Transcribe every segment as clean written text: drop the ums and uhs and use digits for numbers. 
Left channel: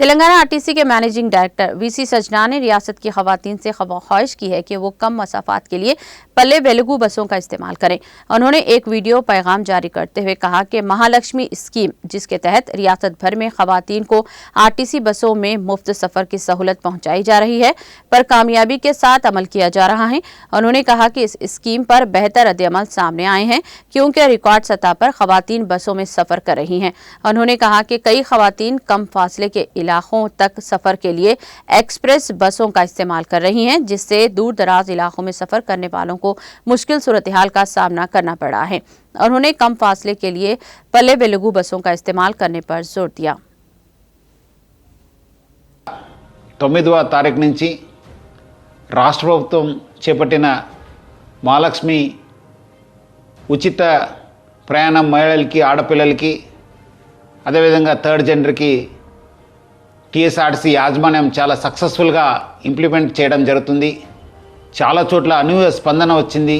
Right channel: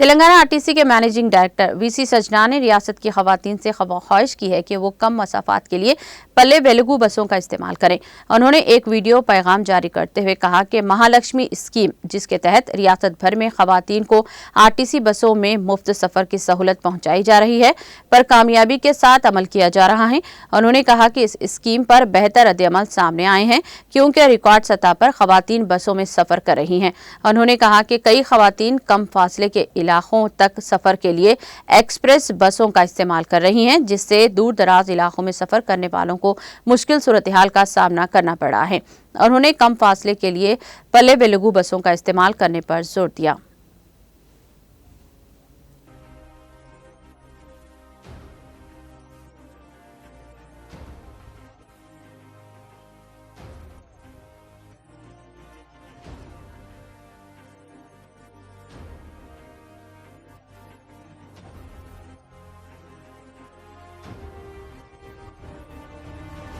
Telangana RTC के managing director VC सजना ने रियासत की खवातीन से ख्वाहिश की है कि वो कम मसाफात के लिए पल्ले वेलुगु बसों का इस्तेमाल करें। उन्होंने एक वीडियो पैगाम जारी करते हुए कहा कि महालक्ष्मी स्कीम, जिसके तहत रियासत भर में खवातीन को आरटीसी बसों में मुफ्त सफर की सहूलत पहुंचाई जा रही है, पर कामयाबी के साथ अमल किया जा रहा है। उन्होंने कहा कि इस स्कीम पर बेहतर रद्द-ए-अमल सामने आए हैं क्योंकि रिकॉर्ड सतह पर खवातीन बसों में सफर कर रही हैं। उन्होंने कहा कि कई खवातीन कम फासले के इलाकों तक सफर के लिए एक्सप्रेस बसों का इस्तेमाल कर रही हैं, जिससे दूर दराज इलाकों में सफर करने वालों को मुश्किल सूरत-ए-हाल का सामना करना पड़ा है। उन्होंने कम फासले के लिए पल्ले वेलुगु बसों का इस्तेमाल करने पर जोर दिया। 9వ తారీఖు నుంచి రాష్ట్ర ప్రభుత్వం చేపట్టిన మహాలక్ష్మి ఉచిత ప్రయాణం మహిళలకి, ఆడపిల్లలకి, అదేవిధంగా థర్డ్ జెండర్కి టీఎస్ఆర్టీసీ యాజమాన్యం చాలా సక్సెస్ఫుల్గా ఇంప్లిమెంట్ చేయడం జరుగుతుంది. చాలా చోట్ల అనూహ్య స్పందన వచ్చింది.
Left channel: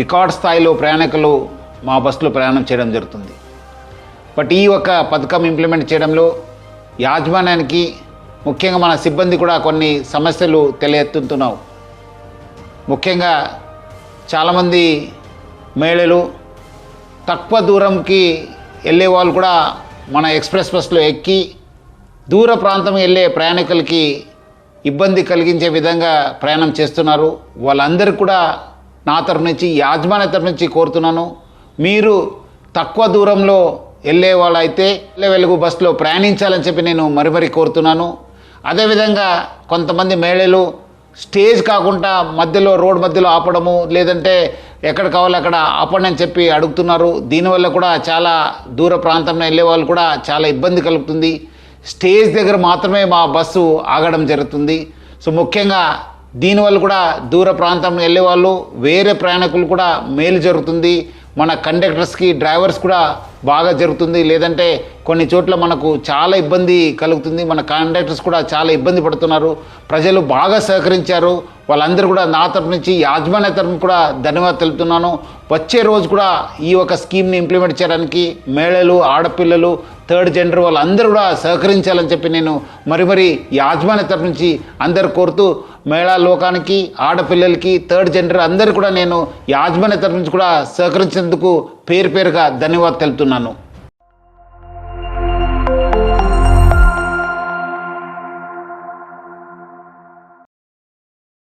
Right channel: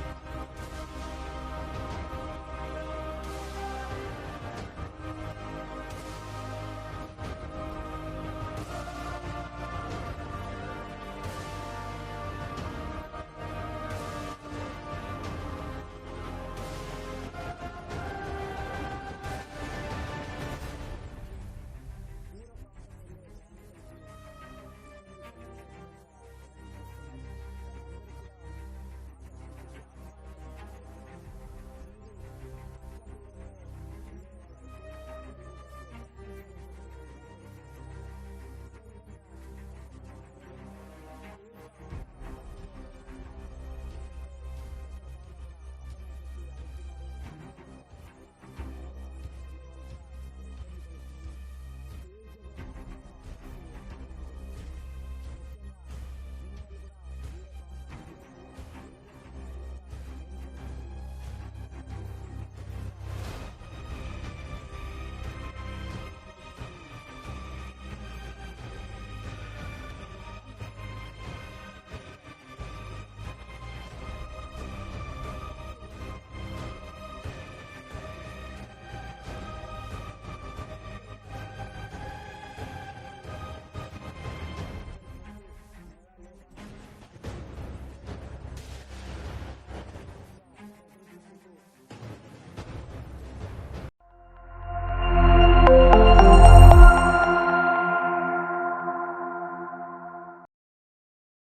రికార్డ్ స్థాయిలో ప్రయాణికులు మా బస్సులో ప్రయాణం చేయడం జరుగుతుంది. బట్ ఈ ఒక పథకం ఇంప్లిమెంట్ చేయడంలో యాజమాన్యానికి, ముఖ్యంగా మన సిబ్బంది కూడా కొన్ని సమస్యలు తెలియెత్తుతున్నావు. ముఖ్యంగా చాలామంది మహిళలు తక్కువ దూరంకి వెళ్ళే వాళ్ళు కూడా మన ఎక్స్ప్రెస్ బస్సులో ఎక్కి దూర ప్రాంతం వెళ్ళే ప్రయాణికులకి ఇబ్బంది కలిగించే విధంగా ప్రయాణం చేస్తున్నారు. వాళ్ళందరికీ కూడా నా తరఫు నుంచి, యాజమాన్య తరఫు నుంచి కోరుతున్నాను, మీరు తక్కువ దూరంలో వెళ్ళే వాళ్ళైతే పల్లె వెలుగు బస్సులో ప్రయాణించాలని చెప్పి నేను మరీ కోరుతున్నాను. అదేవిధంగా కొంతమంది మహిళలు స్టేజ్ కాకుండా మధ్యలో, రోడ్ మధ్యలో ఆపడము, లేదంటే ఎక్కడ కావాలో అక్కడ ఆపండి అని చెప్పి అడుగుతున్నారు. దీనివల్ల కూడా చాలా దూర ప్రాంతంలో వెళ్ళే వాళ్ళు కూడా చాలా ఇబ్బంది కలుగుతుంది. స్టేజ్ దగ్గర మాత్రమే మా బస్సు ఆగడం జరుగుతుంది. సో ముఖ్యంగా దీనివల్ల కూడా దూర ప్రాంతం వెళ్ళే వాళ్ళు, వేరే ప్రయాణికులు కూడా మేలు జరుగుతుంది. మన కండక్టర్స్కి, డ్రైవర్స్ కూడా బాగా జరుగుతుంది. లేదంటే కొన్ని చోట్ల మనకు చాలా ఇబ్బంది కలుగుతుంది. మన కండక్టర్స్ కూడా చాలా ఇబ్బంది పడుతున్నారు. ప్రజలు బాగా సహకరించారు. వాళ్ళందరూ కూడా నా తరపు నుంచి, యాజమాన్య తరపు కూడా ధన్యవాదాలు తెలుపుతున్నాను. వచ్చే రోజు కూడా ఈ ఒక స్కీమ్ని ఇంప్లిమెంట్ చేయడానికి మహిళలు, ఆడపిల్లలు, థర్డ్ జెండర్ వాళ్ళందరూ కూడా సహకరించాలని చెప్పి నేను మరీ యాజమాన్య తరపు నుంచి అందరు కోరుతూ, మహిళా లోకానికి, ఆడపిల్లలకి, థర్డ్ జెండర్ అందరూ కూడా నేను యాజమాన్య తరపు నుంచి కూడా సహకరించేందుకు పేరుగా ధన్యవాదాలు తెలుపుతున్నాను.